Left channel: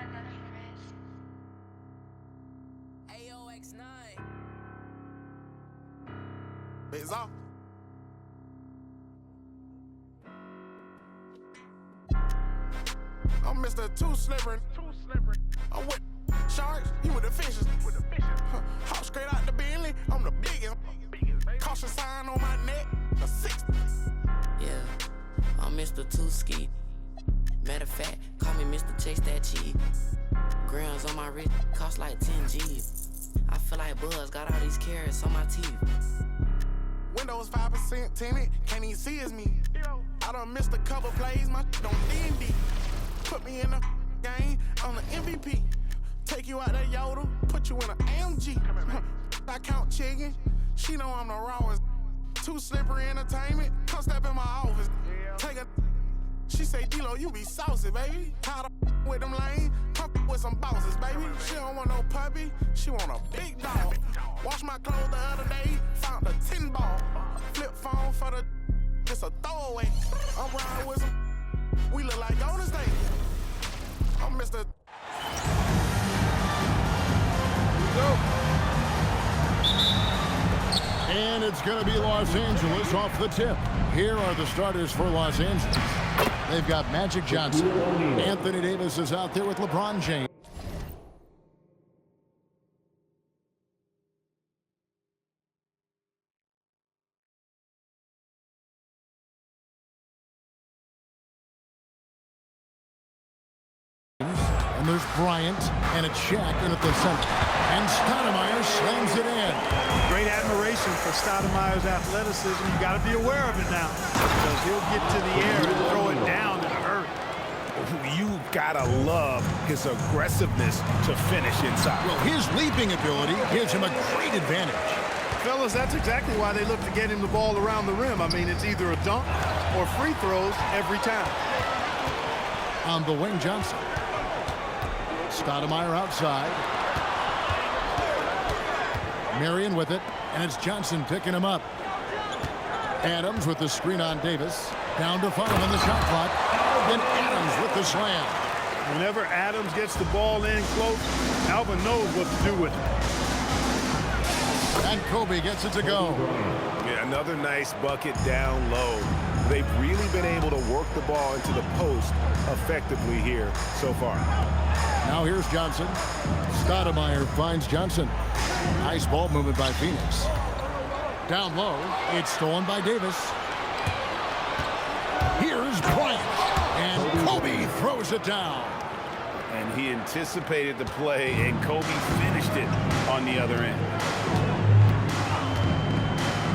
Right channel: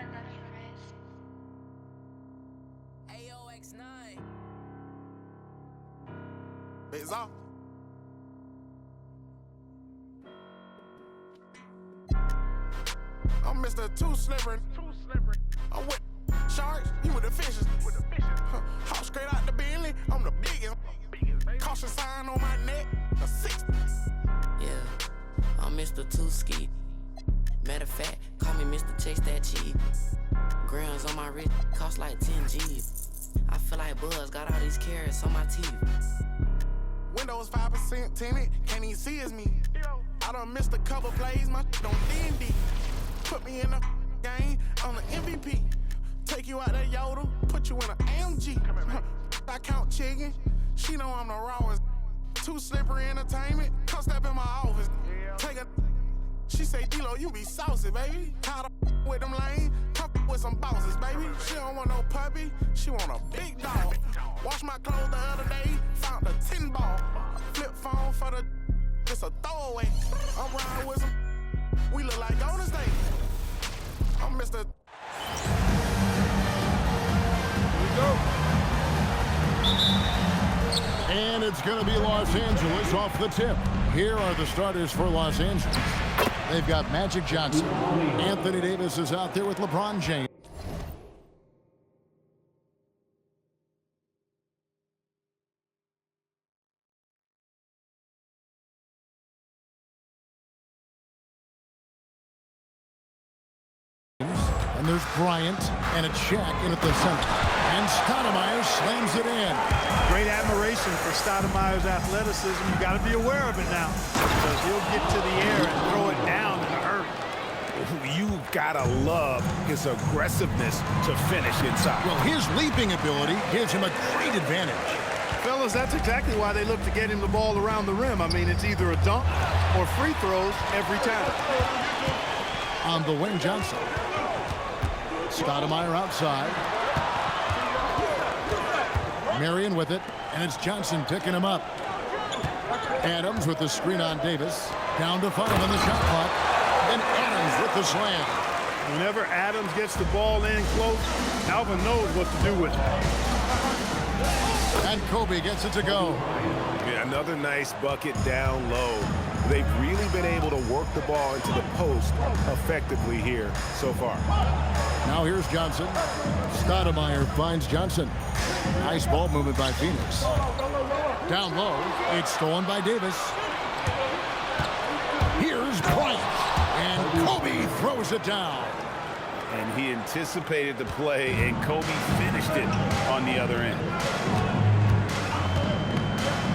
AOX9. It's off. I'm Mr. Too Slippery. I'm with sharks, you with the fishes. Hop straight out the Bentley, I'm the biggest. Caution sign on my neck, a 60. Yeah, I'm Mr. Two Ski. Matter of fact, call me Mr. Chase That Cheese. Grams on my wrist cost like 10 G's. I feel like Buzz got all these carrots on my teeth. Windows 5% tinted, can't even see it's me. I done missed a couple plays, my on D&D. Put me in the game, I'm the MVP. Take you out that Yoda, put you in an AMG. I count chicken, she know I'm the rawest. Too Slippery Entertainment, come step in my office. Take a, she say, D-Lo, you be saucy, baby. Tired of with them lanes, come with some bosses, baby. She don't want no puppy, she want a big dog. Wash my clothes the other day, found a 10 ball. Flip phone for the, it's a throwaway. I'm riding with some, we look like Golden State. I'm Mr. Here we go. And it's going to be Los Angeles off the tip. Here are the starters for Los Angeles. They've got Magic Johnson. Anthony Davis is out there with LeBron James. And there's Bryant, and it's Shaq in at the center. And Stoudmire slams it in. Great admiration for Stoudmire's athleticism. You got to be aware of it now, because he'll get to the air and throw it down in a hurry. You've got to love his aggressiveness to finish inside. Well, his leaping ability gives him a great advantage. Fellas, that's exactly why they look to get him the ball around the rim. I mean, it's either a dunk or free throws every time. On the wing, Johnson. Stoudmire outside. Marion with it, and it's Johnson picking him up. Adams with the screen on Davis. Down to 5 on the shot clock. And Adams with the slam. Whenever Adams gets the ball in close, Alvin knows what to do with it. And Kobe gets it to go. Yeah, another nice bucket down low. They've really been able to work the ball into the post effectively here so far. Now here's Johnson. Stoudmire finds Johnson. Nice ball movement by Phoenix. Down low, it's stolen by Davis. Here's Bryant. And Kobe throws it down. And he anticipated the play, and Kobe finished it on the other end.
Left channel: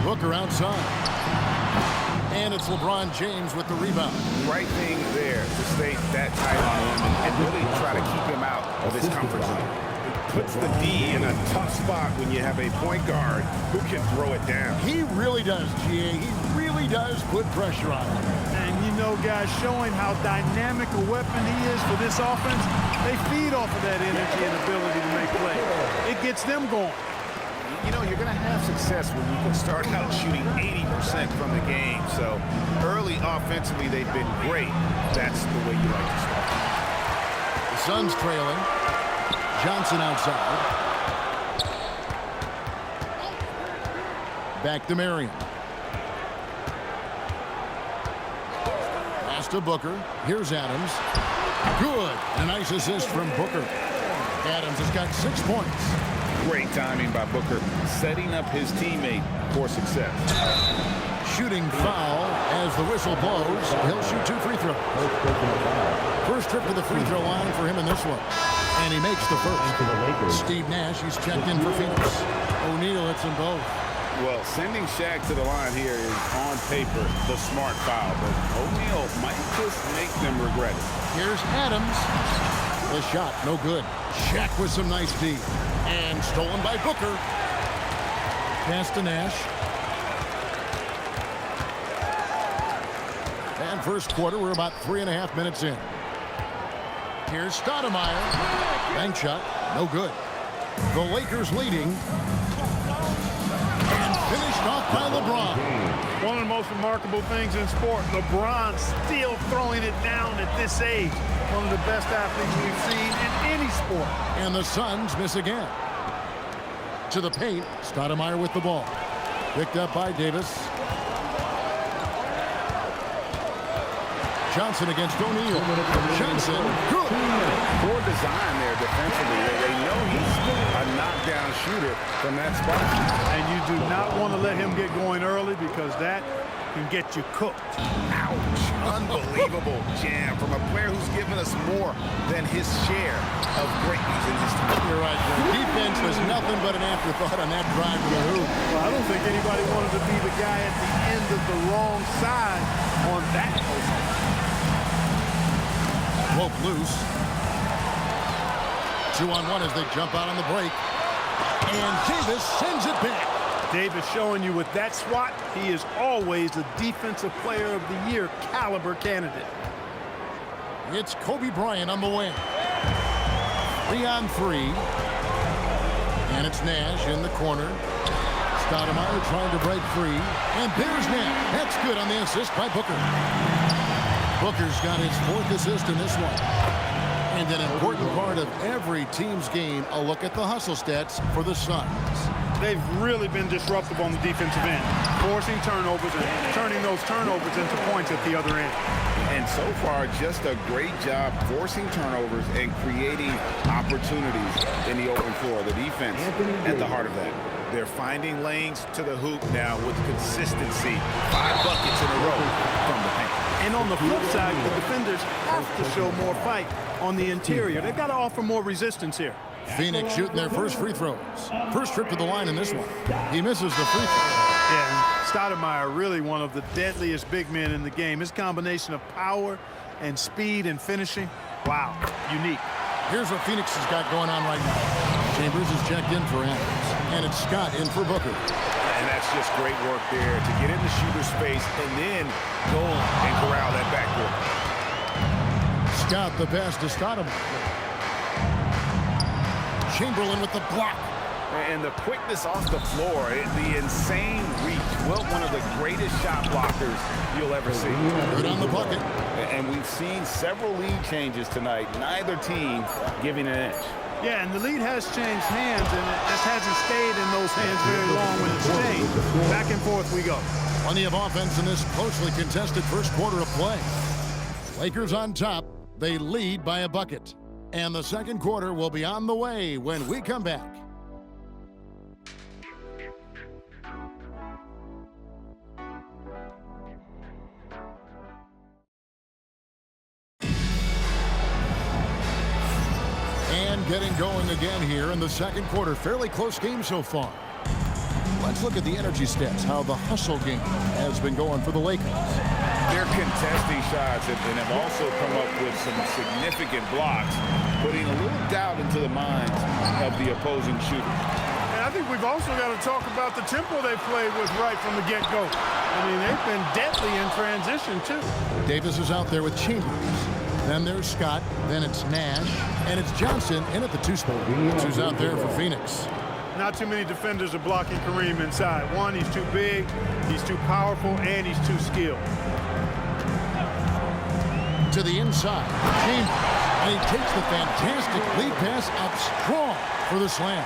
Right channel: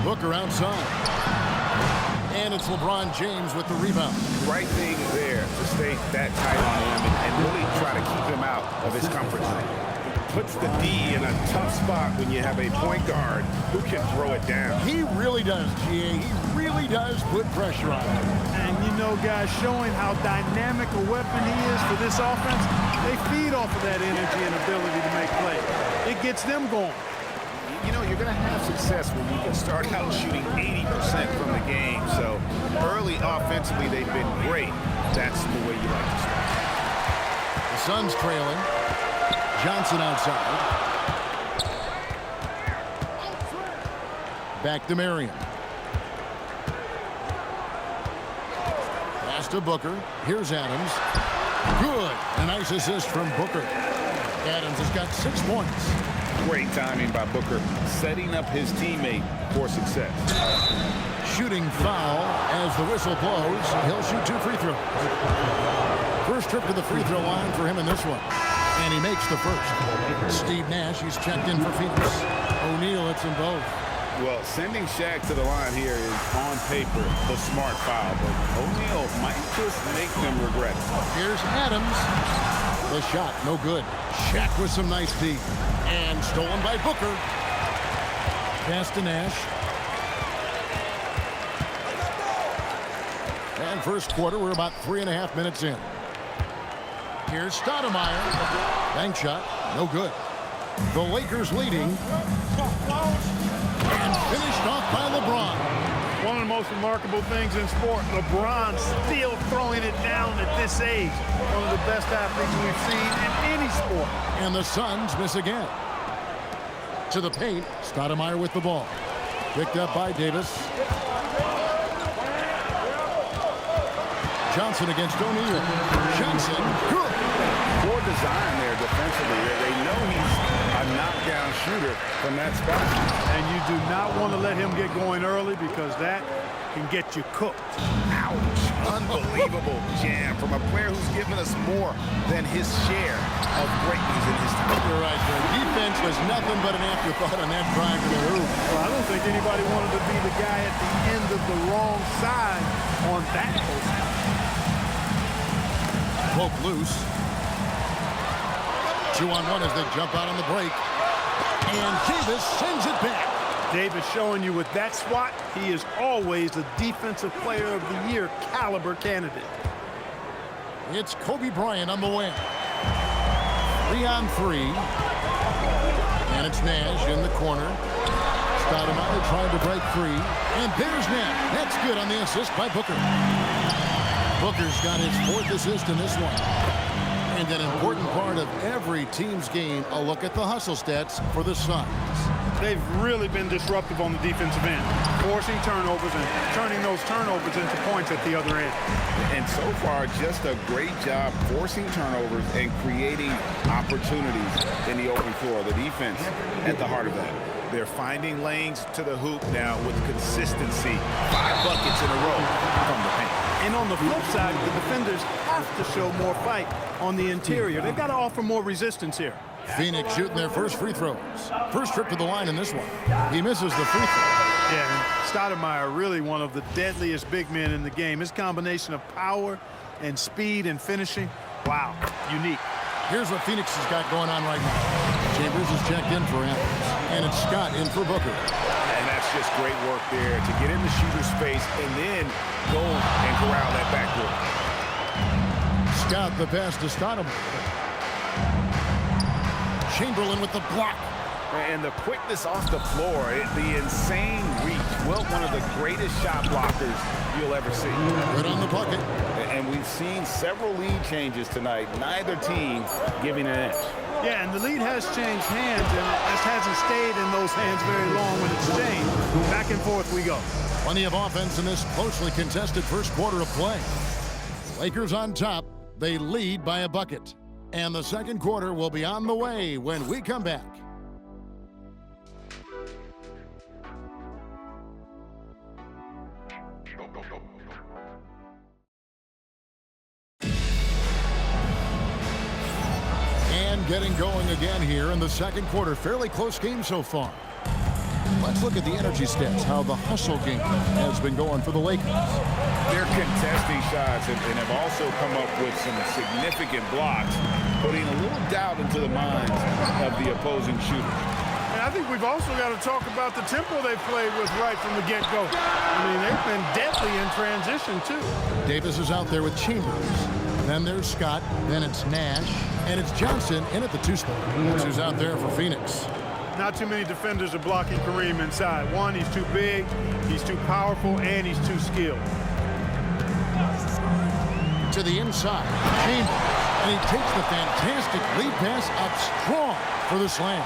Booker outside. And it's LeBron James with the rebound. Right thing there to stay that tight on him and really try to keep him out of his comfort zone. It puts the D in a tough spot when you have a point guard who can throw it down. He really does, GA. He really does put pressure on him. And you know, guys, showing how dynamic a weapon he is for this offense, they feed off of that energy and ability to make plays. It gets them going. You know, you're going to have success when you can start out shooting 80% from the game. So early offensively, they've been great. That's the way you like to start. The Suns trailing. Johnson outside. Back to Marion. Pass to Booker. Here's Adams. Good. And a nice assist from Booker. Adams has got 6 points. Great timing by Booker, setting up his teammate for success. Shooting foul as the whistle blows. He'll shoot 2 free throws. First trip to the free throw line for him in this one. And he makes the first. Steve Nash, he's checked in for Phoenix. O'Neal hits them both. Well, sending Shaq to the line here is on paper the smart foul, but O'Neal might just make them regret it. Here's Adams. The shot, no good. Shaq with some nice D. And stolen by Booker. Pass to Nash. And first quarter, we're about 3.5 minutes in. Here's Stoudmire. Bank shot, no good. The Lakers leading. And finished off by LeBron. One of the most remarkable things in sport, LeBron still throwing it down at this age. One of the best athletes we've seen in any sport. And the Suns miss again. To the paint, Stoudmire with the ball. Picked up by Davis. Johnson against O'Neal. Johnson, good. Poor design there defensively. They know he's a knockdown shooter from that spot. And you do not want to let him get going early because that can get you cooked. Ouch. Unbelievable jam from a player who's given us more than his share of greatness in his time. You're right, Greg. Defense was nothing but an afterthought on that drive to the hoop. Well, I don't think anybody wanted to be the guy at the end of the wrong side on that post. Woke loose. 2-on-1 as they jump out on the break. And Davis sends it back. Davis showing you with that swat, he is always a Defensive Player of the Year caliber candidate. It's Kobe Bryant on the wing. 3-on-3. And it's Nash in the corner. Stoudmire trying to break free. And there's Nash. That's good on the assist by Booker. Booker's got his 4th assist in this one. And an important part of every team's game, a look at the hustle stats for the Suns. They've really been disruptive on the defensive end, forcing turnovers and turning those turnovers into points at the other end. And so far, just a great job forcing turnovers and creating opportunities in the open floor. The defense at the heart of that. They're finding lanes to the hoop now with consistency. 5 buckets in a row from the paint. And on the flip side, the defenders have to show more fight on the interior. They've got to offer more resistance here. Phoenix shooting their first free throws. First trip to the line in this one. He misses the free throw. Yeah, Stoudmire really one of the deadliest big men in the game. His combination of power and speed and finishing, wow, unique. Here's what Phoenix has got going on right now. Chambers is checked in for Adams. And it's Scott in for Booker. And that's just great work there to get in the shooter's space and then go and corral that backcourt. Scott the pass to Stoudmire. Chamberlain with the block. And the quickness off the floor, the insane reach. Wilt, one of the greatest shot blockers you'll ever see. Good on the bucket. And we've seen several lead changes tonight. Neither team giving an edge. Yeah, and the lead has changed hands, and it just hasn't stayed in those hands very long when it's changed. Back and forth we go. Plenty of offense in this closely contested first quarter of play. Lakers on top. They lead by a bucket. And the second quarter will be on the way when we come back. And getting going again here in the second quarter. Fairly close game so far. Let's look at the energy stats, how the hustle game has been going for the Lakers. They're contesting shots and have also come up with some significant blocks, putting a little doubt into the minds of the opposing shooters. And I think we've also got to talk about the tempo they've played with right from the get-go. I mean, they've been deadly in transition, too. Davis is out there with Chambers. Then there's Scott. Then it's Nash. And it's Johnson in at the 2 spot. That's who's out there for Phoenix. Not too many defenders are blocking Kareem inside. One, he's too big, he's too powerful, and he's too skilled. To the inside, Chambers. And he takes the fantastic lead pass up strong for the slam.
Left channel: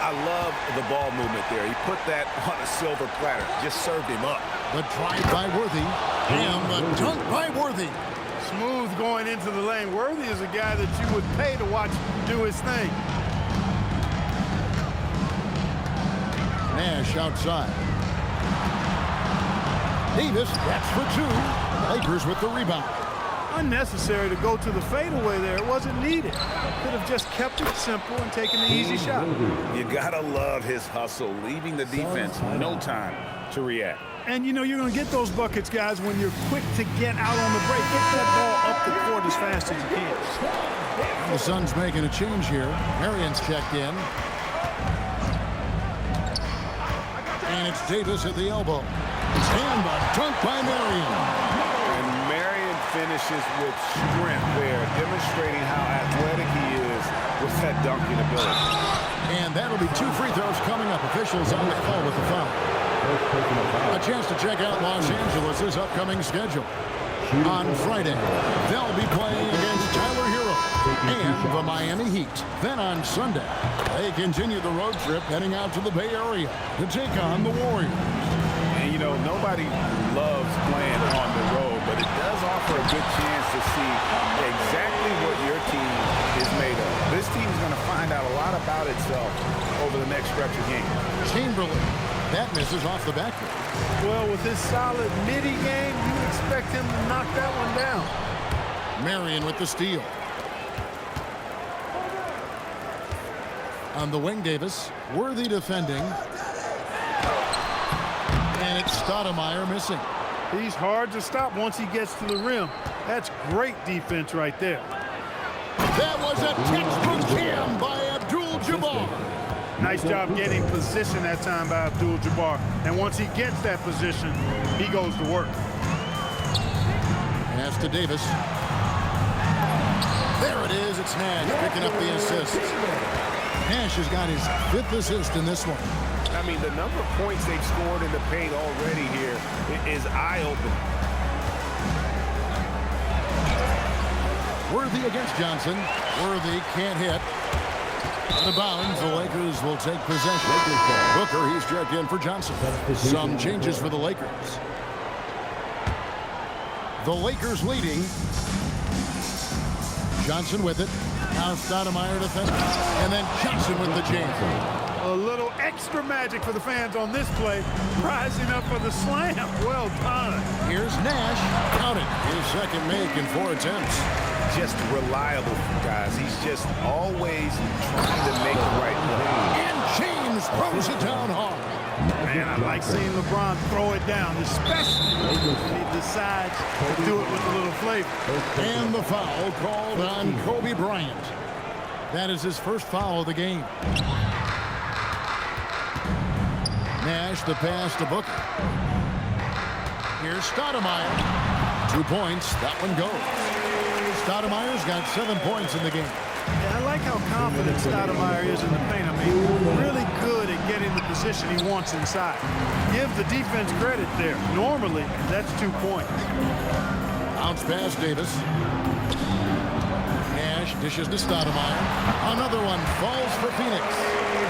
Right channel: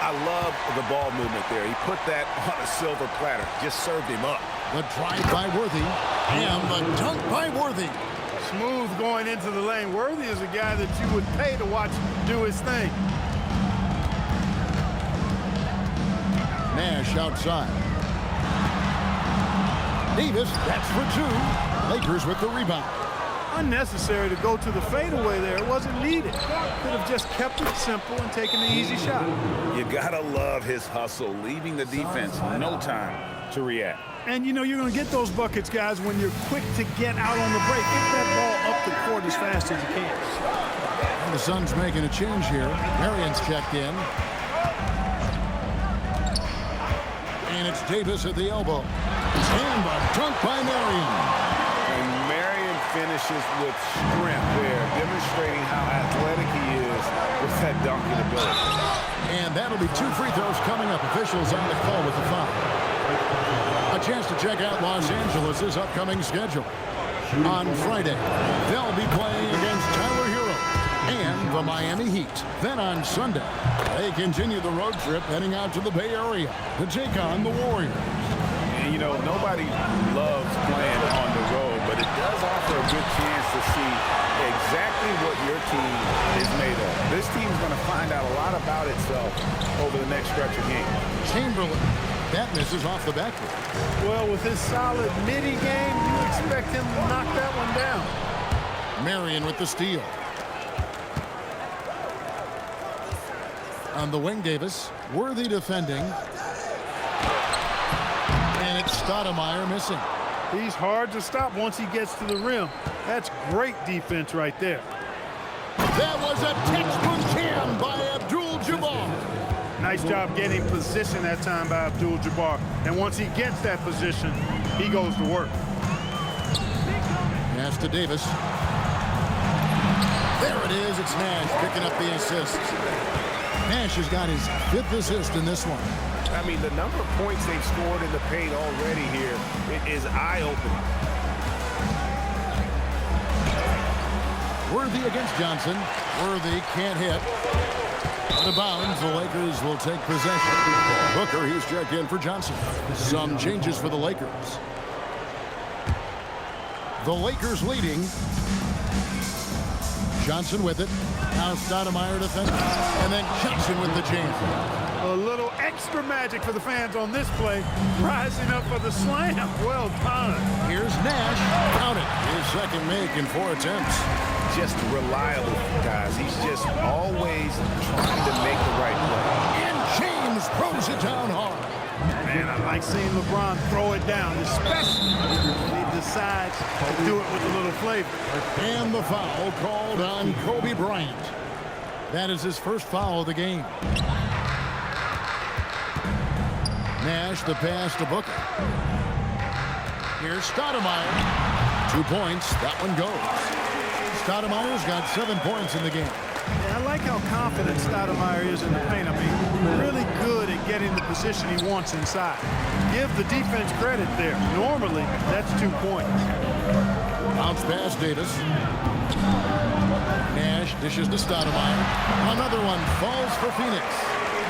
I love the ball movement there. He put that on a silver platter. Just served him up. The drive by Worthy. And the dunk by Worthy. Smooth going into the lane. Worthy is a guy that you would pay to watch do his thing. Nash outside. Davis, that's for 2. Lakers with the rebound. Unnecessary to go to the fadeaway there. It wasn't needed. Could have just kept it simple and taken the easy shot. You gotta love his hustle, leaving the defense no time to react. And you know you're going to get those buckets, guys, when you're quick to get out on the break. Get that ball up the court as fast as you can. And the Suns making a change here. Marion's checked in. And it's Davis at the elbow. And the dunk by Marion. And Marion finishes with strength there, demonstrating how athletic he is with that dunking ability. And that'll be 2 free throws coming up. Officials on the call with the foul. A chance to check out Los Angeles' upcoming schedule. On Friday, they'll be playing against Tyler Hero and the Miami Heat. Then on Sunday, they continue the road trip heading out to the Bay Area to take on the Warriors. And, you know, nobody loves playing on the road, but it does offer a good chance to see exactly what your team is made of. This team is going to find out a lot about itself over the next stretch of games. Chamberlain. That misses off the backboard. Well, with his solid midi game, you expect him to knock that one down. Marion with the steal. On the wing, Davis. Worthy defending. And it's Stoudmire missing. He's hard to stop once he gets to the rim. That's great defense right there. That was a textbook cam by Abdul Jabbar. Nice job getting position that time by Abdul Jabbar. And once he gets that position, he goes to work. Pass to Davis. There it is. It's Nash picking up the assist. Nash has got his 5th assist in this one. I mean, the number of points they've scored in the paint already here is eye-opening. Worthy against Johnson. Worthy can't hit. Out of bounds, the Lakers will take possession. Booker, he's checked in for Johnson. Some changes for the Lakers. The Lakers leading. Johnson with it. Now Stoudmire defending. And then Johnson with the jam. A little extra magic for the fans on this play. Rising up for the slam. Well done. Here's Nash. Count it. His second make in 4 attempts. Just reliable, guys. He's just always trying to make the right play. And James throws it down hard. Man, I like seeing LeBron throw it down, especially when he decides to do it with a little flavor. And the foul called on Kobe Bryant. That is his first foul of the game. Nash, the pass to Booker. Here's Stoudmire. 2 points. That one goes. Stoudmire's got 7 points in the game. Yeah, I like how confident Stoudmire is in the paint. I mean, really good at getting the position he wants inside. Give the defense credit there. Normally, that's 2 points. Bounce pass, Davis. Nash dishes to Stoudmire. Another one falls for Phoenix.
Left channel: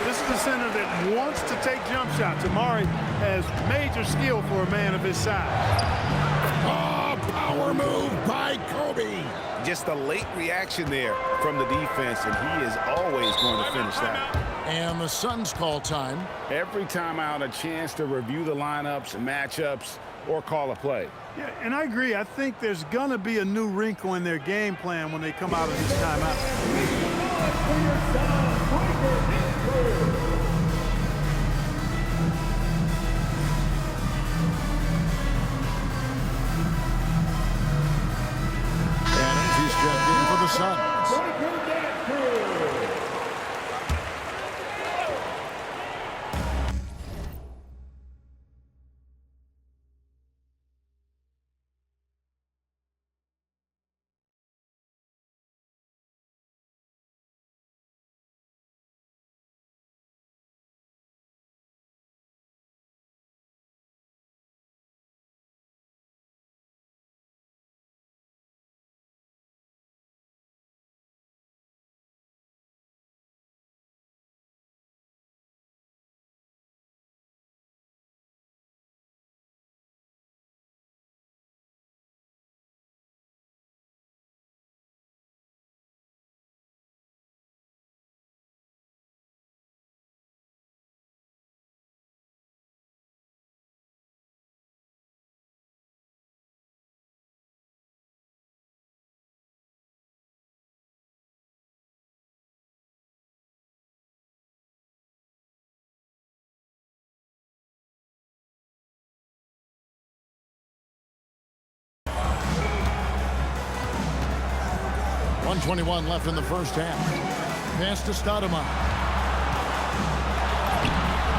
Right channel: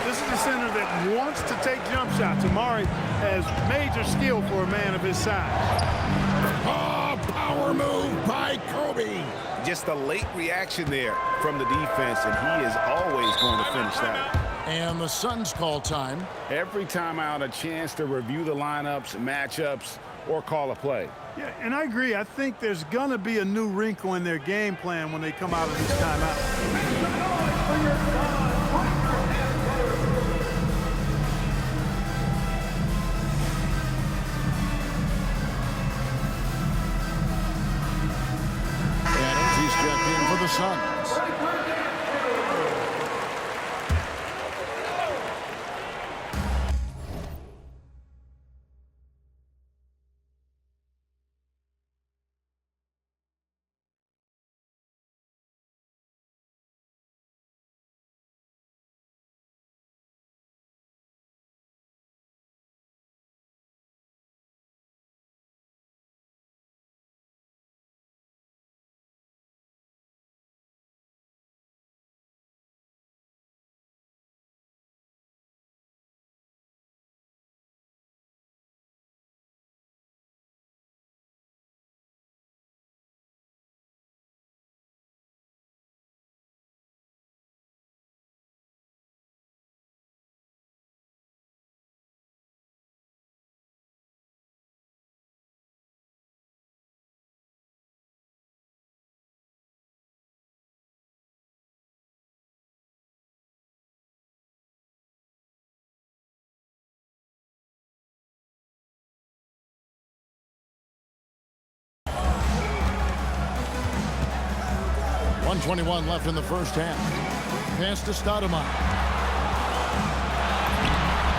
This is a center that wants to take jump shots. Amare has major skill for a man of his size. Oh, power move by Kobe. Just a late reaction there from the defense, and he is always going to finish that. And the Suns call time. Every time out, a chance to review the lineups, matchups, or call a play. Yeah, and I agree. I think there's going to be a new wrinkle in their game plan when they come out of this timeout. He's checked in for the Suns. .121 left in the first half. Pass to Stoudmire.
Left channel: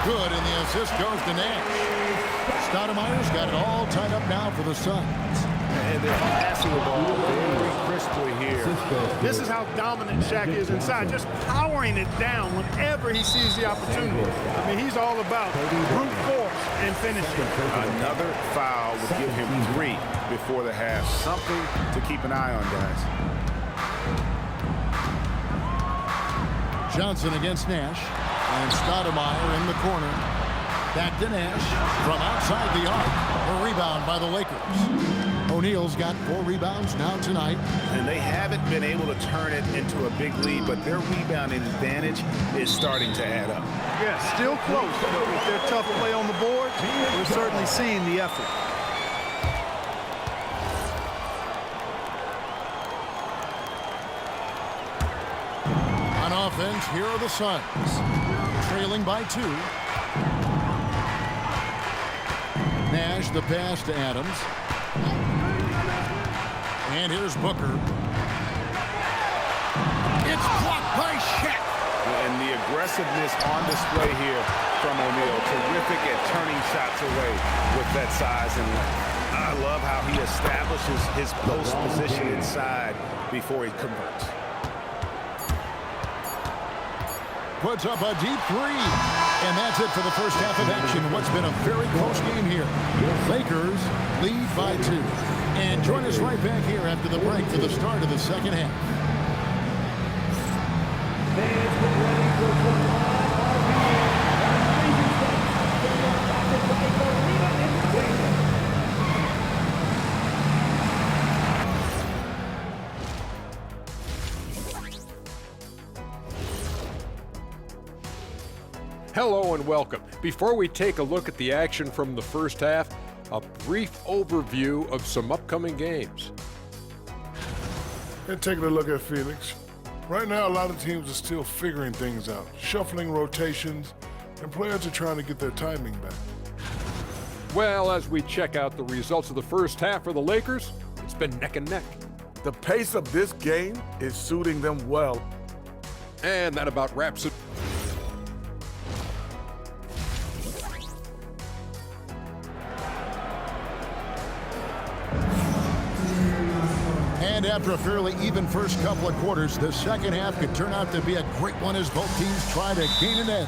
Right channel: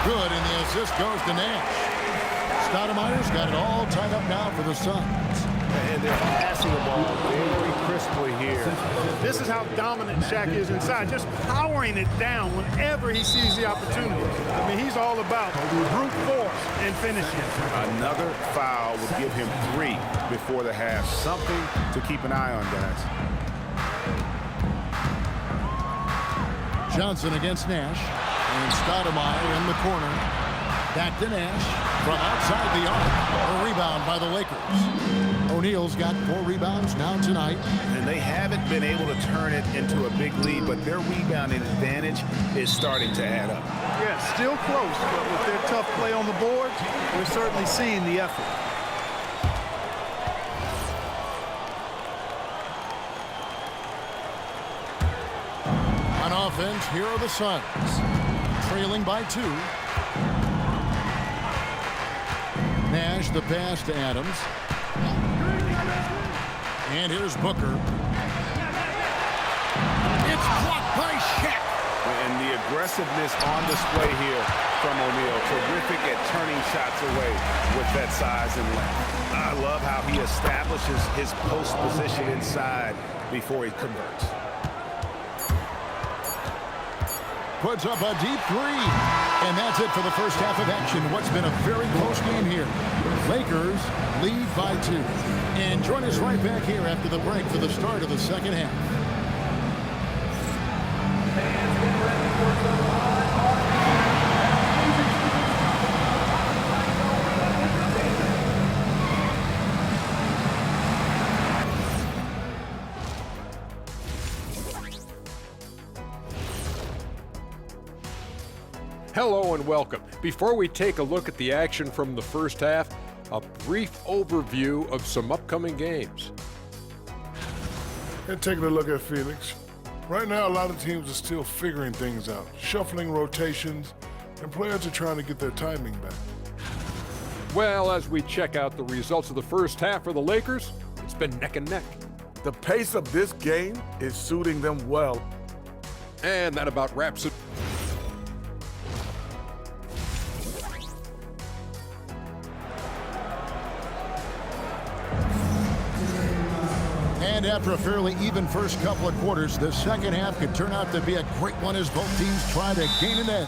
Good, and the assist goes to Nash. Stoudmire's got it all tied up now for the Suns. And they're passing the ball very crisply here. This is how dominant Shaq is inside, just powering it down whenever he sees the opportunity. I mean, he's all about brute force and finishing. Another foul would give him 3 before the half. Something to keep an eye on, guys. Johnson against Nash. And Stoudmire in the corner. Back to Nash from outside the arc. A rebound by the Lakers. O'Neal's got 4 rebounds now tonight. And they haven't been able to turn it into a big lead, but their rebounding advantage is starting to add up. Yeah, still close, but with their tough play on the board, we're certainly seeing the effort. On offense, here are the Suns. Trailing by 2. Nash, the pass to Adams. And here's Booker. It's blocked by Shaq. And the aggressiveness on display here from O'Neal. Terrific at turning shots away with that size and length. I love how he establishes his post position inside before he converts. Puts up a deep 3. And that's it for the first half of action. What's been a very close game here. Lakers lead by 2. And join us right back here after the break for the start of the second half. Hello and welcome. Before we take a look at the action from the first half, a brief overview of some upcoming games. And taking a look at Phoenix. Right now, a lot of teams are still figuring things out, shuffling rotations, and players are trying to get their timing back. Well, as we check out the results of the first half for the Lakers, it's been neck and neck. The pace of this game is suiting them well. And that about wraps it. And after a fairly even first couple of quarters, the second half could turn out to be a great one as both teams try to gain an edge.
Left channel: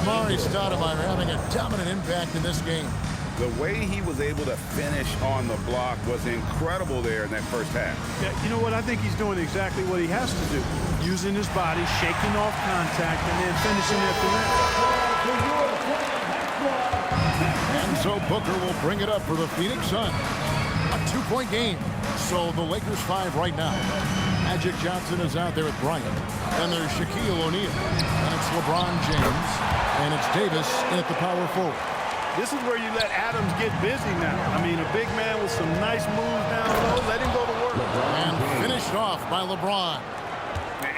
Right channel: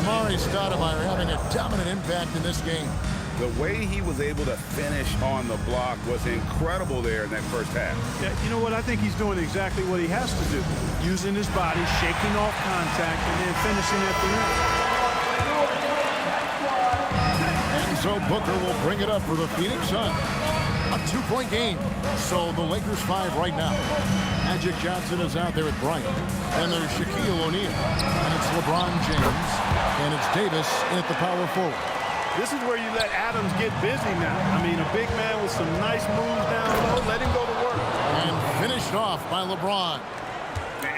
Amare Stoudmire having a dominant impact in this game. The way he was able to finish on the block was incredible there in that first half. Yeah, you know what? I think he's doing exactly what he has to do. Using his body, shaking off contact, and then finishing at the rim. And so Booker will bring it up for the Phoenix Suns. A 2-point game. So the Lakers 5 right now. Magic Johnson is out there with Bryant. And there's Shaquille O'Neal. And it's LeBron James. And it's Davis in at the power forward. This is where you let Adams get busy now. I mean, a big man with some nice moves down low. Let him go to work. And finished off by LeBron.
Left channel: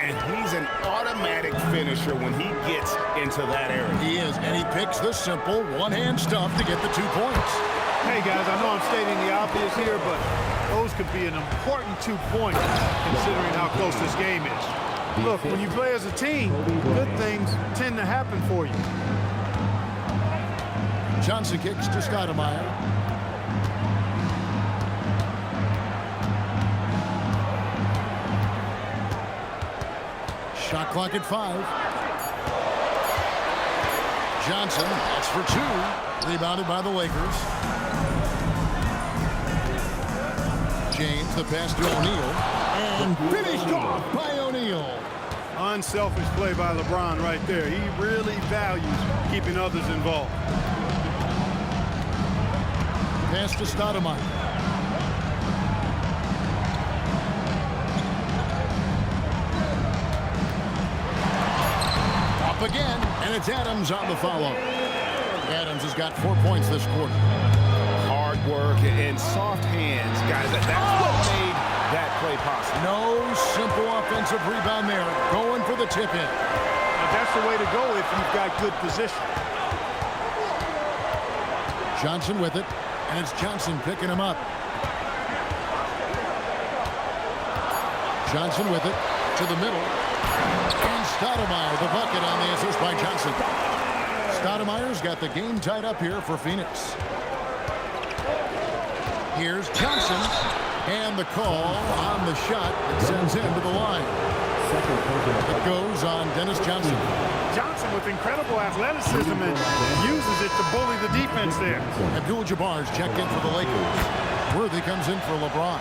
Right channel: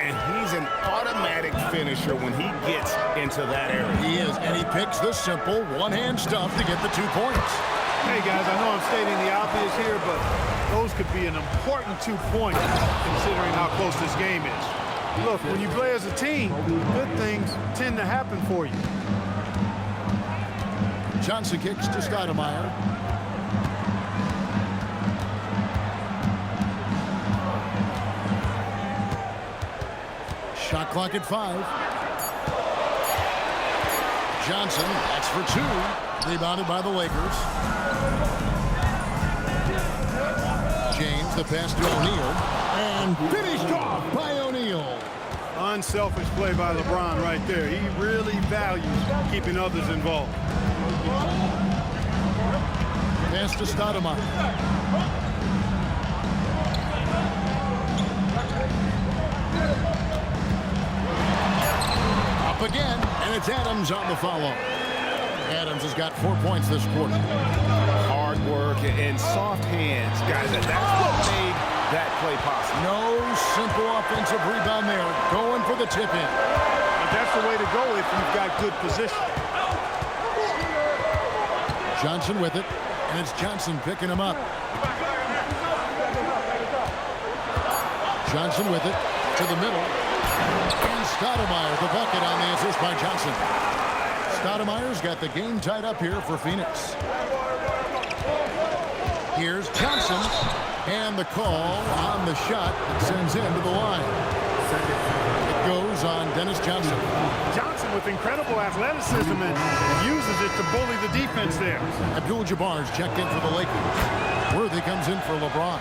And he's an automatic finisher when he gets into that area. He is, and he picks the simple one-hand stuff to get the 2 points. Hey, guys, I know I'm stating the obvious here, but those could be an important 2 points considering how close this game is. Look, when you play as a team, good things tend to happen for you. Johnson kicks to Stoudmire. Shot clock at 5. Johnson, that's for 2. Rebounded by the Lakers. James, the pass to O'Neal. And finished off by O'Neal. Unselfish play by LeBron right there. He really values keeping others involved. Pass to Stoudmire. Up again, and it's Adams on the follow. Adams has got 4 points this quarter. Hard work and soft hands, guys. That's what made that play possible. No simple offensive rebound there. Going for the tip in. But that's the way to go if you've got good position. Johnson with it, and it's Johnson picking him up. Johnson with it to the middle. And Stoudmire, the bucket on the assist by Johnson. Stoudmire's got the game tied up here for Phoenix. Here's Johnson. And the call on the shot that sends him to the line. It goes on Dennis Johnson. Johnson with incredible athleticism and uses it to bully the defense there. Abdul Jabbar's checked in for the Lakers. Worthy comes in for LeBron.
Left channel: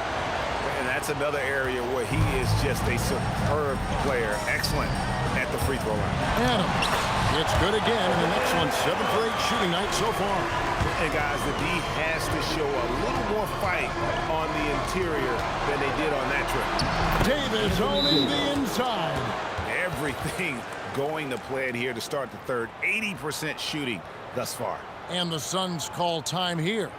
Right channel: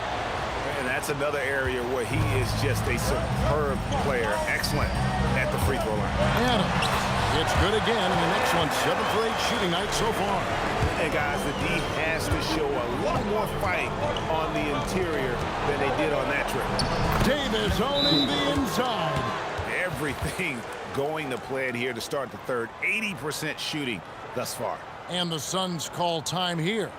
And that's another area where he is just a superb player. Excellent at the free throw line. Adams. It's good again in an excellent 7 for 8 shooting night so far. And guys, the D has to show a little more fight on the interior than they did on that trip. Davis owning the inside. Everything going to plan here to start the third. 80% shooting thus far. And the Suns call time here.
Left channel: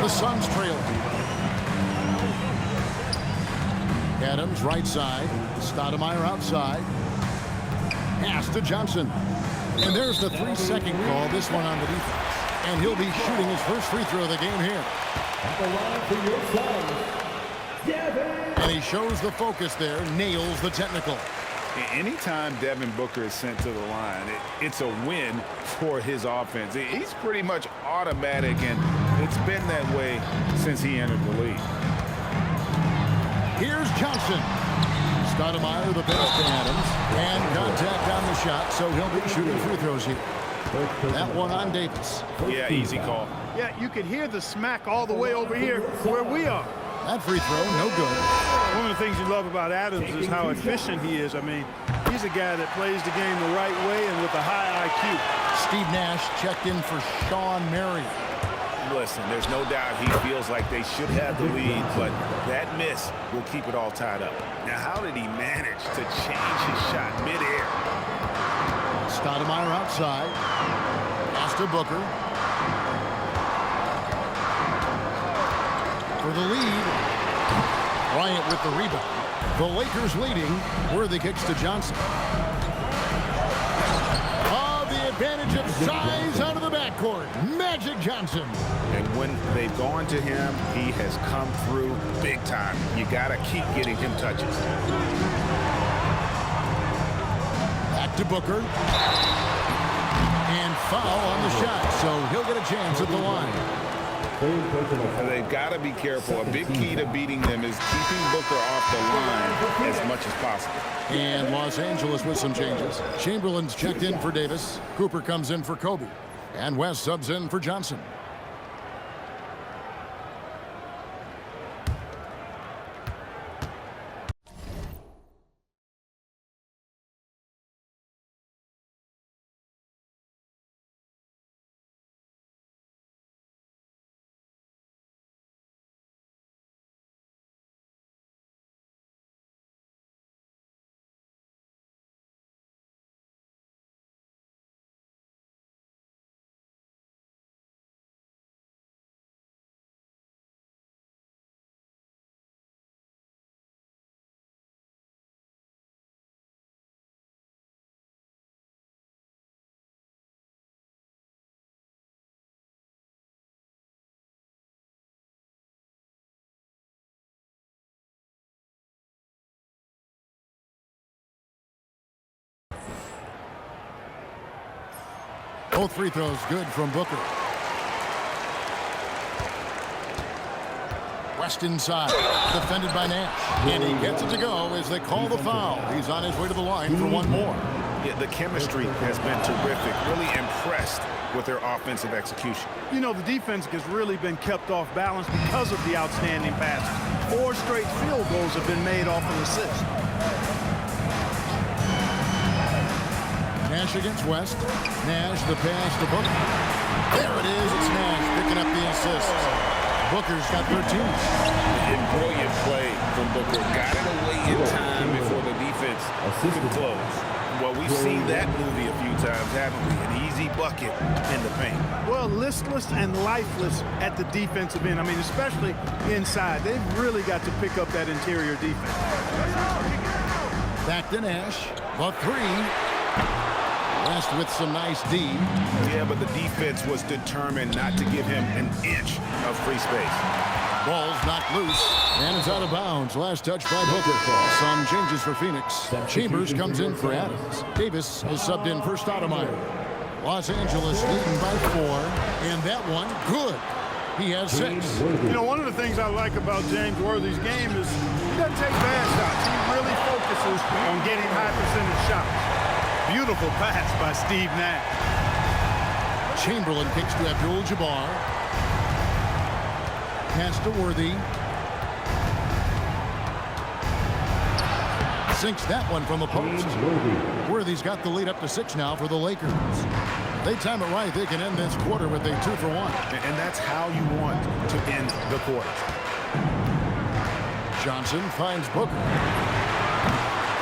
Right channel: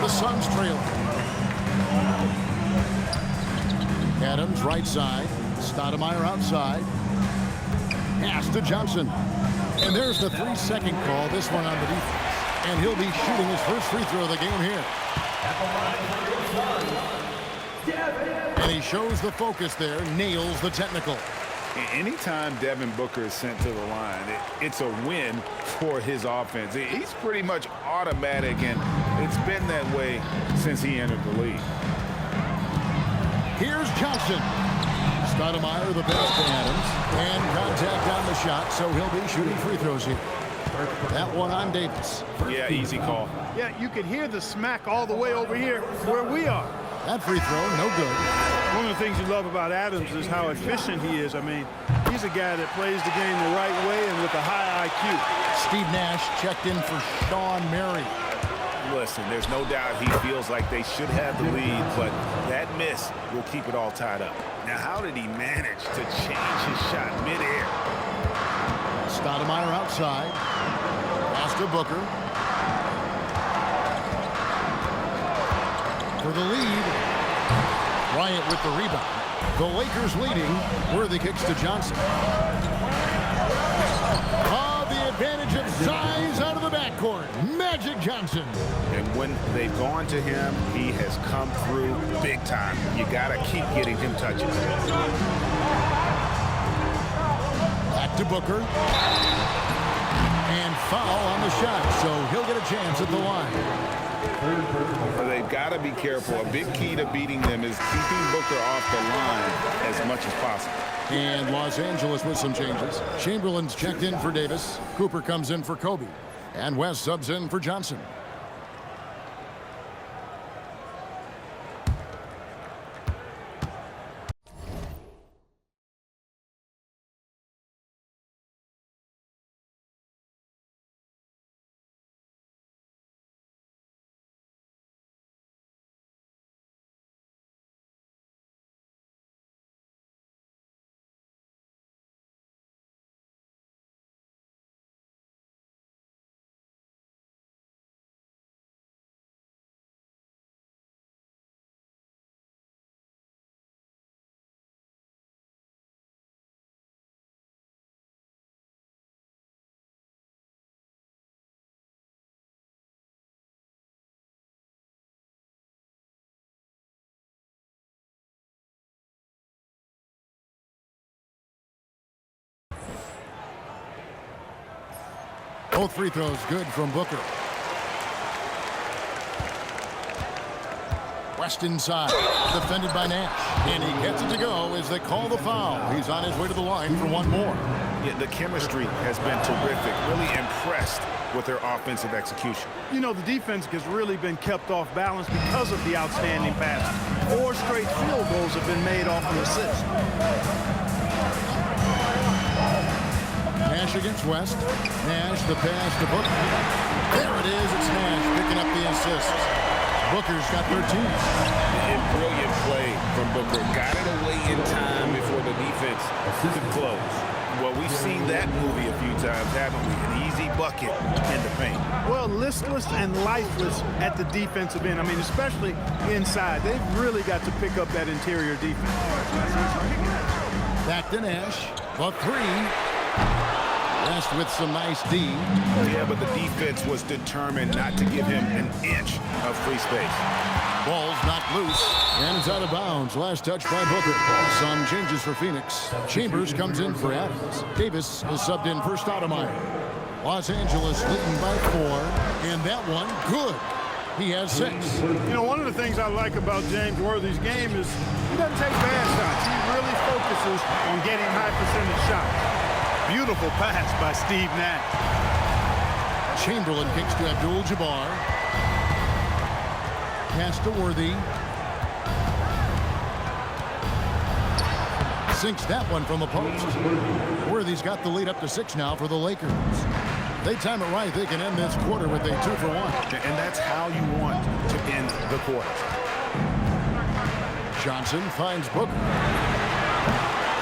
The Suns trailing. Adams right side. Stoudmire outside. Pass to Johnson. And there's the 3-second call. This one on the defense. And he'll be shooting his first free throw of the game here. And he shows the focus there. Nails the technical. Anytime Devin Booker is sent to the line, it's a win for his offense. He's pretty much automatic, and it's been that way since he entered the league. Here's Johnson. Stoudmire the pass to Adams. And contact on the shot, so he'll be shooting free throws here. That one on Davis. Yeah, easy call. Yeah, you could hear the smack all the way over here where we are. That free throw, no good. One of the things you love about Adams is how efficient he is. I mean, he's a guy that plays the game the right way and with a high IQ. Steve Nash checked in for Shawn, Marion. Listen, there's no doubt he feels like they should have the lead, but that miss will keep it all tied up. Now, how did he manage to change his shot midair? Stoudmire outside. Pass to Booker. For the lead. Bryant with the rebound. The Lakers leading. Worthy kicks to Johnson. Oh, the advantage of size out of the backcourt. Magic Johnson. And when they've gone to him, he has come through big time. You got to keep getting him touches. Back to Booker. And foul on the shot, so he'll get a chance at the line. They've got to be careful. A big key to beating them is keeping Booker off the line as much as possible. And Los Angeles with some changes. Chamberlain's checked in for Davis. Cooper comes in for Kobe. And West subs in for Johnson. Both free throws good from Booker. West inside, defended by Nash. And he gets it to go as they call the foul. He's on his way to the line for one more. Yeah, the chemistry has been terrific. Really impressed with their offensive execution. You know, the defense has really been kept off balance because of the outstanding passes. 4 straight field goals have been made off an assist. Nash against West. Nash the pass to Booker. There it is. It's Nash picking up the assists. Booker's got 13. And brilliant Great play from Booker. Got it away in time before the defense could close. Well, we've seen that movie a few times, haven't we? An easy bucket in the paint. Well, listless and lifeless at the defensive end. I mean, especially inside. They've really got to pick up that interior defense. Back to Nash. The three. West with some nice D. Yeah, but the defense was determined not to give him an inch of free space. Ball's knocked loose, and it's out of bounds. Last touch by Booker. Some changes for Phoenix. Chambers comes in for Adams. Davis is subbed in for Stoudmire. Los Angeles leading by 4, and that one, good. He has 6. You know, one of the things I like about James Worthy's game is he doesn't take bad shots. He really focuses on getting high percentage shots. Beautiful pass by Steve Nash. Chamberlain kicks to Abdul Jabbar. Pass to Worthy. Sinks that one from the post. Worthy's got the lead up to 6 now for the Lakers. They time it right, they can end this quarter with a 2-for-1. And that's how you want to end the quarter. Johnson finds Booker.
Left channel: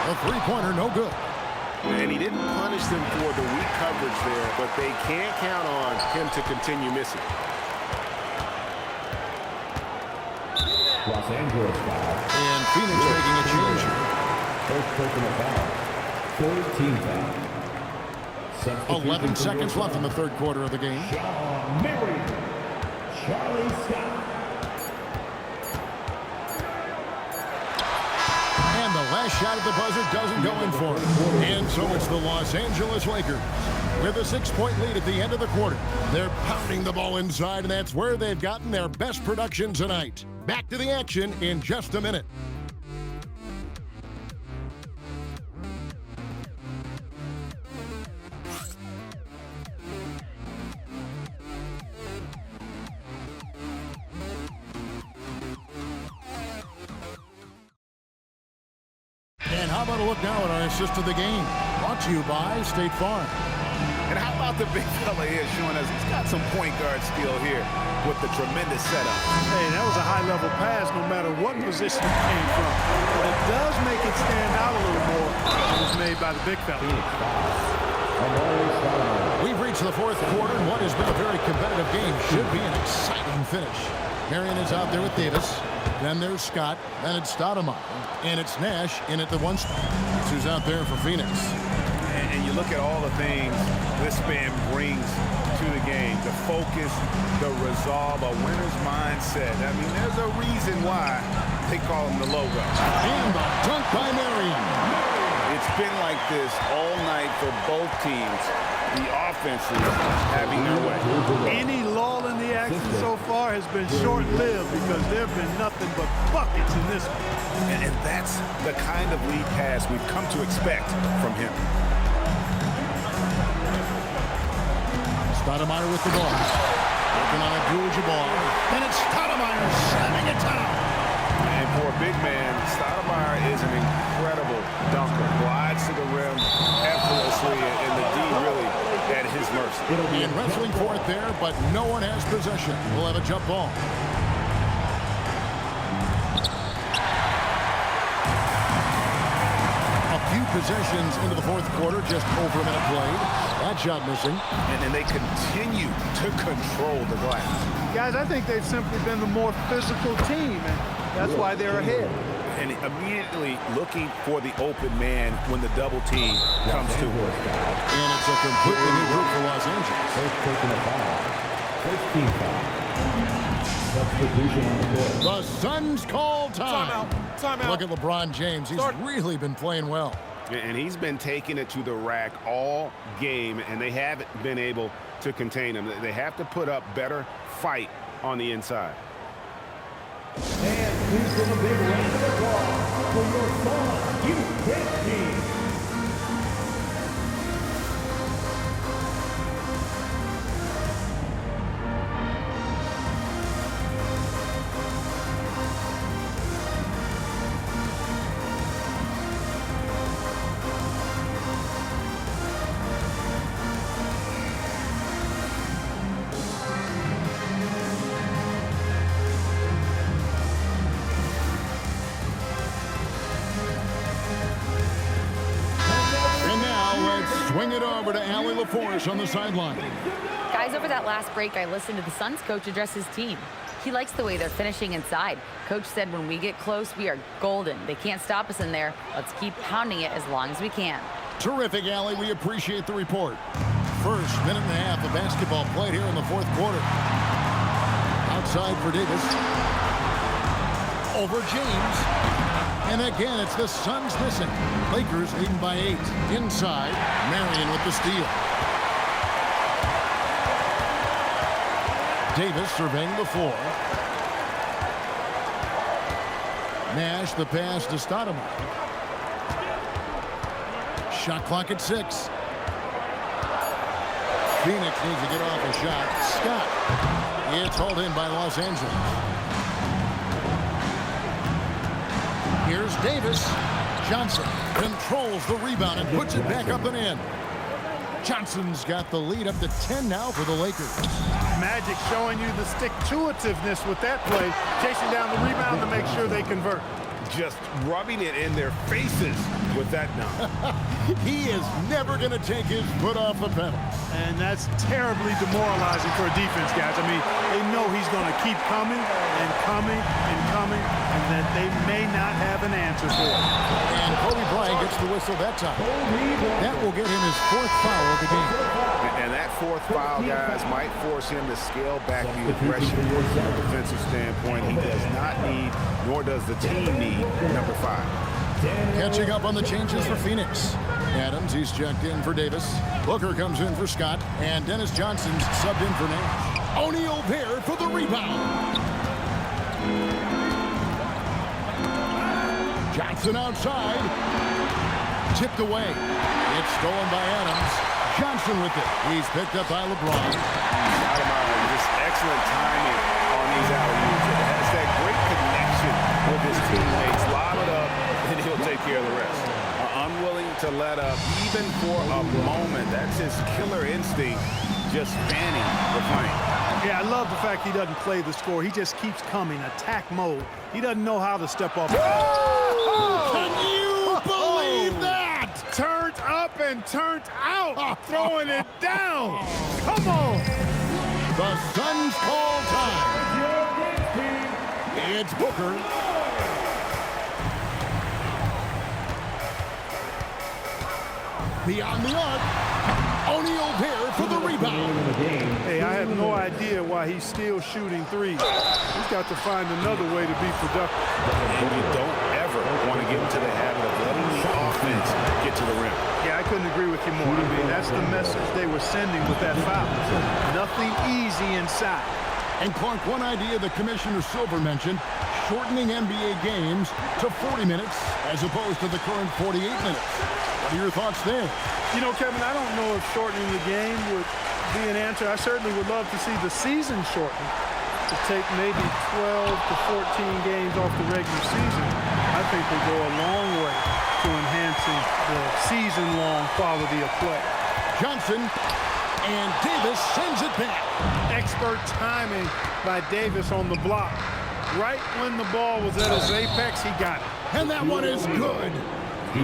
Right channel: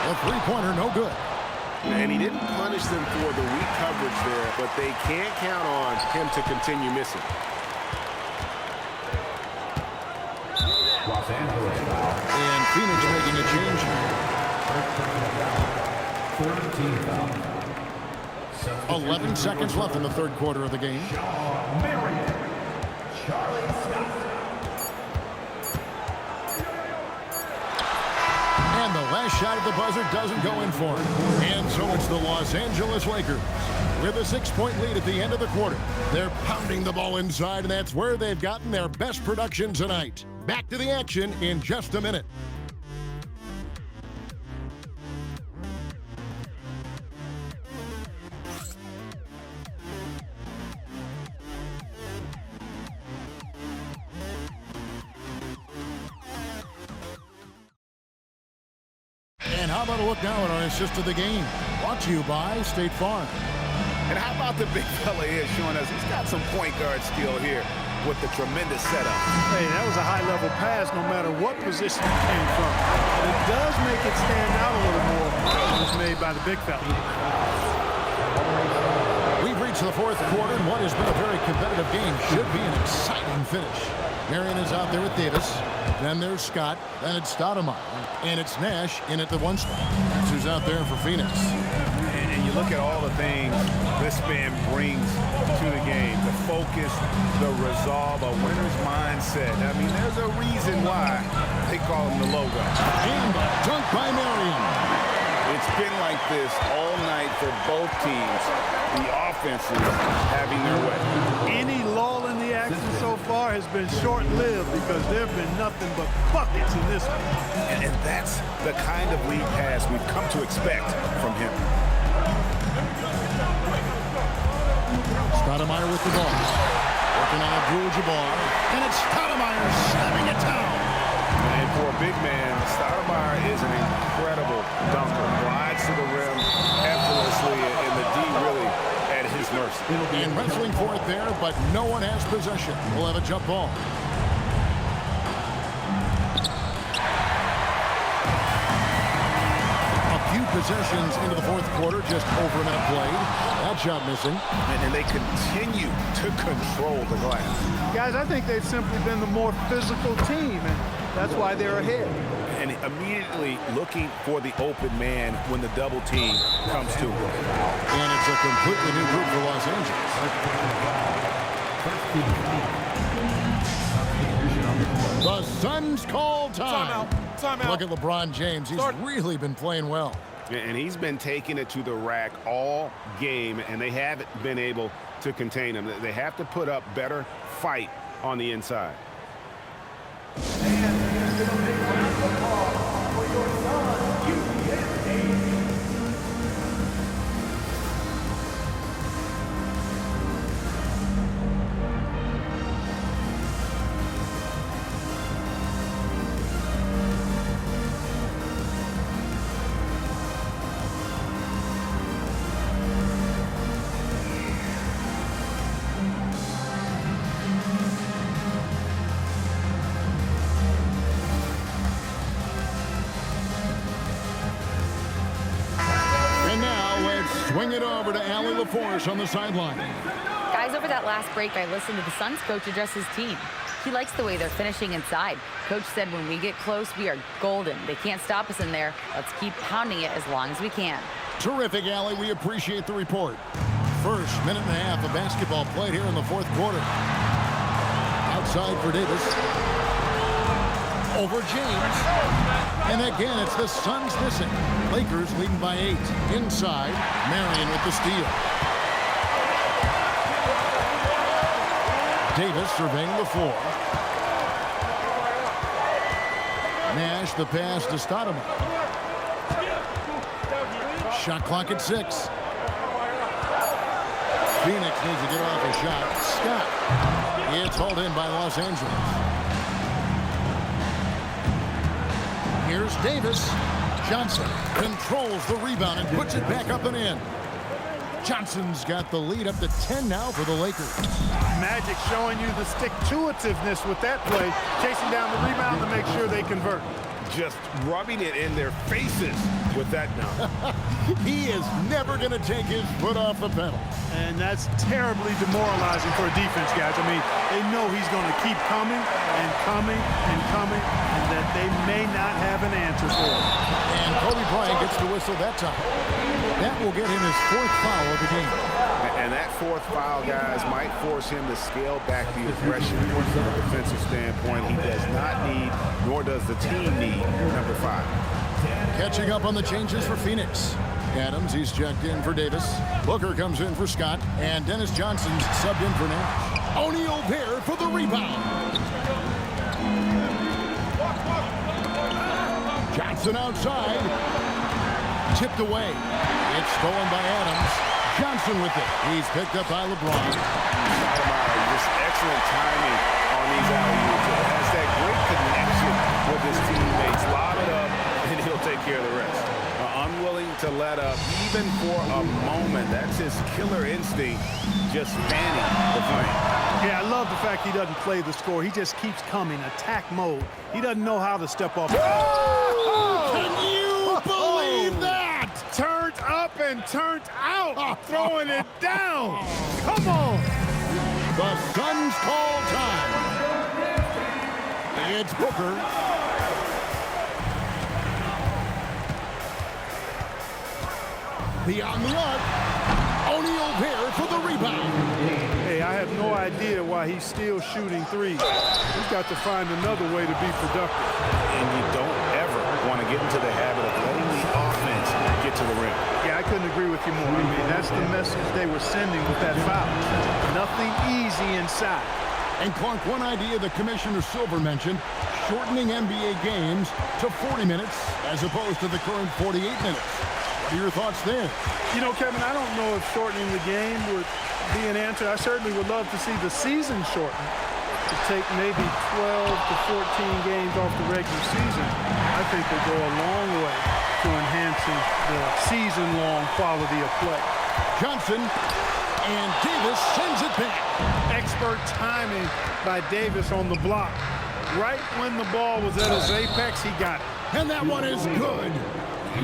A three-pointer, no good. And he didn't punish them for the weak coverage there, but they can't count on him to continue missing. Los Angeles foul. And Phoenix making a change here. First personal foul. Third team foul. 11 seconds left in the third quarter of the game. Shawn, Marion, Charlie Scott. And the last shot at the buzzer doesn't go in for him. And so it's the Los Angeles Lakers with a 6-point lead at the end of the quarter. They're pounding the ball inside, and that's where they've gotten their best production tonight. Back to the action in just a minute. And how about a look now at our assist of the game? Brought to you by State Farm. And how about the big fella here showing us he's got some point guard skill here with the tremendous setup. Hey, that was a high-level pass no matter what position it came from. But it does make it stand out a little more when it was made by the big fella. We've reached the fourth quarter, and what has been a very competitive game should be an exciting finish. Marion is out there with Davis. Then there's Scott. Then it's Stoudmire. And it's Nash in at the 1 spot. That's who's out there for Phoenix. And you look at all the things this man brings to the game. The focus, the resolve, a winner's mindset. I mean, there's a reason why they call him the logo. And the dunk by Marion. It's been like this all night for both teams. The offenses having their way. Any lull in the action so far has been short-lived because there have been nothing but buckets in this one. And that's the kind of lead pass we've come to expect from him. Stoudmire with the ball. Working on Abdul Jabbar. And it's Stoudmire slamming it down. And for a big man, Stoudmire is an incredible dunker. Glides to the rim effortlessly, and the D really at his mercy. And wrestling for it there, but no one has possession. We'll have a jump ball. A few possessions into the fourth quarter, just over a minute played. That shot missing. And they continue to control the glass. Guys, I think they've simply been the more physical team, and that's why they're ahead. And immediately looking for the open man when the double team comes to him. And it's a completely new group for Los Angeles. First personal foul. First team foul. Substitution on the court. The Suns call time. Timeout. Look at LeBron James. He's really been playing well. And he's been taking it to the rack all game, and they haven't been able to contain him. They have to put up better fight on the inside. And please give a big round of applause for your Suns youth team. Let's swing it over to Allie LaForce on the sideline. Guys, over that last break, I listened to the Suns coach address his team. He likes the way they're finishing inside. Coach said when we get close, we are golden. They can't stop us in there. Let's keep pounding it as long as we can. Terrific, Allie. We appreciate the report. First minute and a half of basketball played here in the fourth quarter. Outside for Davis. Over James. And again, it's the Suns missing. Lakers leading by 8. Inside, Marion with the steal. Davis surveying the floor. Nash the pass to Stoudmire. Shot clock at 6. Phoenix needs to get off a shot. Scott. It's hauled in by Los Angeles. Here's Davis. Johnson controls the rebound and puts it back up and in. Johnson's got the lead up to 10 now for the Lakers. Magic showing you the stick-to-itiveness with that play, chasing down the rebound to make sure they convert. Just rubbing it in their faces with that dunk. He is never going to take his foot off the pedal. And that's terribly demoralizing for a defense, guys. I mean, they know he's going to keep coming and coming and coming, and that they may not have an answer for it. And Kobe Bryant gets the whistle that time. That will get him his 4th foul of the game. And that 4th foul, guys, might force him to scale back the aggression from a defensive standpoint. He does not need, nor does the team need, number 5. Catching up on the changes for Phoenix. Adams, he's checked in for Davis. Booker comes in for Scott. And Dennis Johnson's subbed in for Nash. O'Neal there for the rebound. Johnson outside. Tipped away. It's stolen by Adams. Johnson with it. He's picked up by LeBron. Stoudmire, just excellent timing on these alley-oops. It has that great connection with his teammates. Lob it up, and he'll take care of the rest. Unwilling to let up, even for a moment. That's his killer instinct, just fanning the flame. Yeah, I love the fact he doesn't play the score. He just keeps coming, attack mode. He doesn't know how to step up. Can you believe that? Turned up and turned out, throwing it down. Come on. The Suns call time. It's Booker. Beyond the arc. O'Neal there for the rebound. Hey, I have no idea why he's still shooting threes. He's got to find another way to be productive. And you don't ever want to get into the habit of letting the offense get to the rim. Yeah, I couldn't agree with you more. I mean, that's the message they were sending with that foul. Nothing easy inside. And Clark, one idea that Commissioner Silver mentioned, shortening NBA games to 40 minutes as opposed to the current 48 minutes. What are your thoughts there? You know, Kevin, I don't know if shortening the game would be an answer. I certainly would love to see the season shortened to take maybe 12 to 14 games off the regular season. I think will go a long way to enhancing the season-long quality of play. Johnson, and Davis sends it back. Expert timing by Davis on the block. Right when the ball was at its apex, he got it. And that one is good.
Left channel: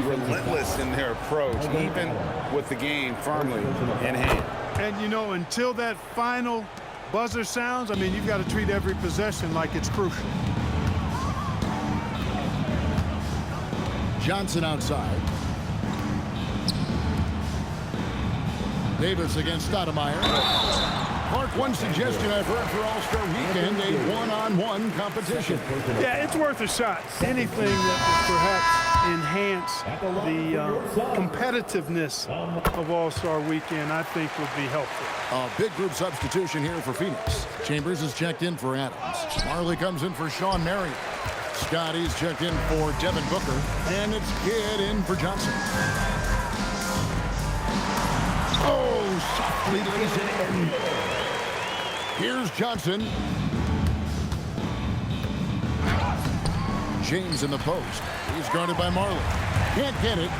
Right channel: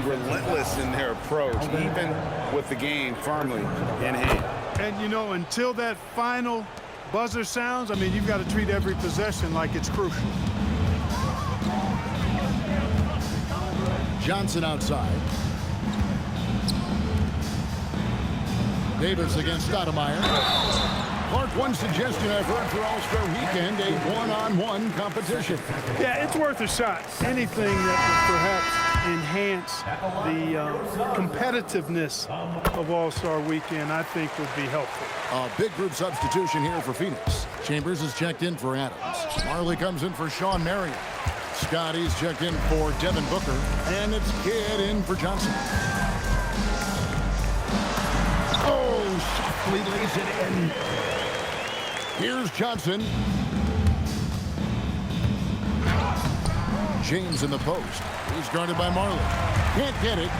Relentless in their approach, even with the game firmly in hand. And, you know, until that final buzzer sounds, I mean, you've got to treat every possession like it's crucial. Johnson outside. Davis against Stoudmire. Clark, one suggestion I've heard for All-Star Weekend, a one-on-one competition. Yeah, it's worth a shot. Anything that would perhaps enhance the competitiveness of All-Star Weekend, I think would be helpful. A big group substitution here for Phoenix. Chambers is checked in for Adams. Marley comes in for Shawn Marion. Scotty's checked in for Devin Booker. And it's Kidd in for Johnson. Oh, softly lays it in. Here's Johnson. James in the post. He's guarded by Marley. Can't get it.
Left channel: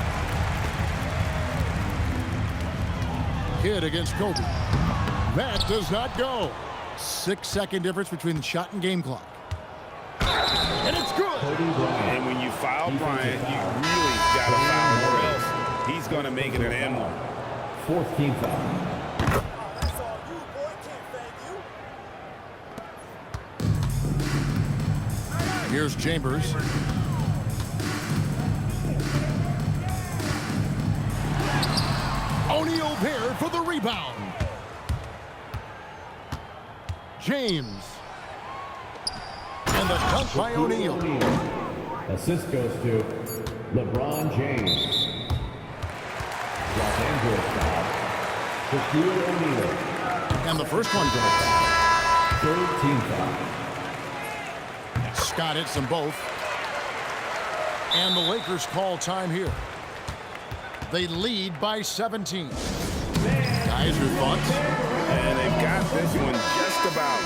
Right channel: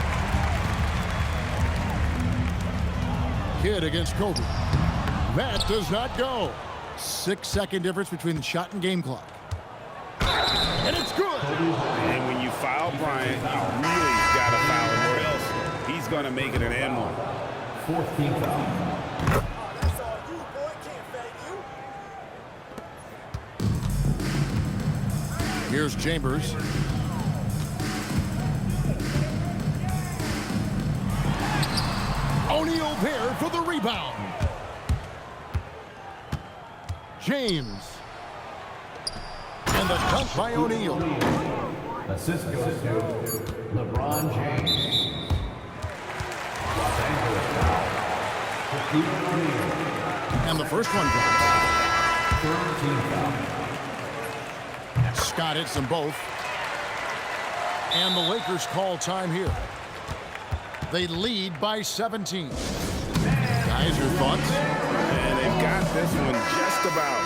Kidd against Kobe. That does not go. 6-second difference between the shot and game clock. And it's good. And when you foul Bryant, you really got to foul him or else he's going to make it an and one. Fourth team foul. That's all you, boy. Can't fade you. Here's Chambers. O'Neal there for the rebound. James. And the dunk by O'Neal. Assist goes to LeBron James. Los Angeles foul. Shaquille O'Neal. And the first one drops. Third team foul. Scott hits them both. And the Lakers call time here. They lead by 17. Guys, your thoughts? And they've got this one just about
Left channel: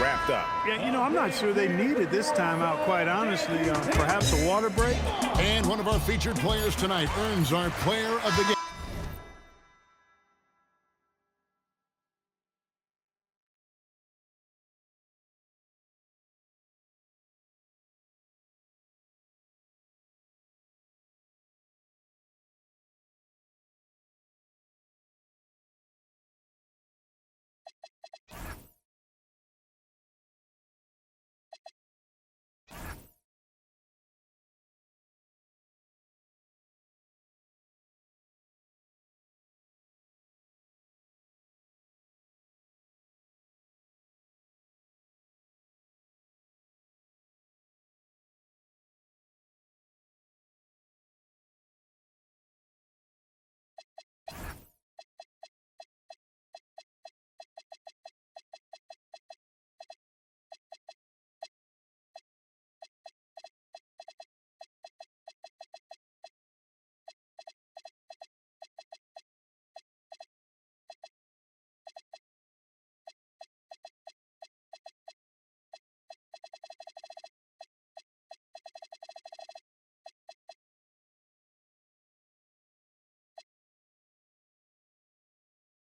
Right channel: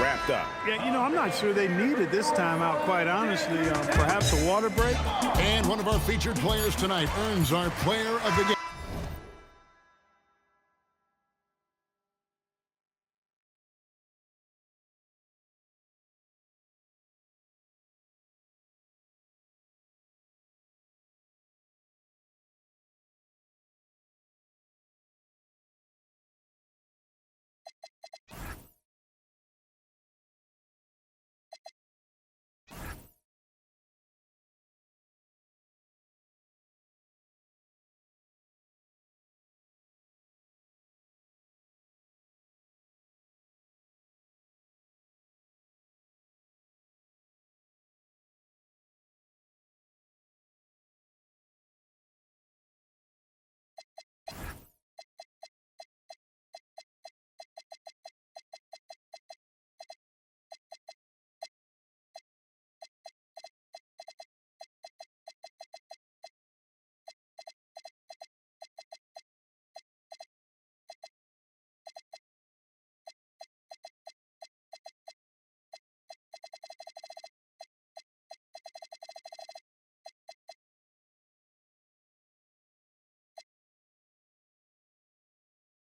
wrapped up. Yeah, you know, I'm not sure they needed this timeout, quite honestly. Perhaps a water break? And one of our featured players tonight earns our player of the game.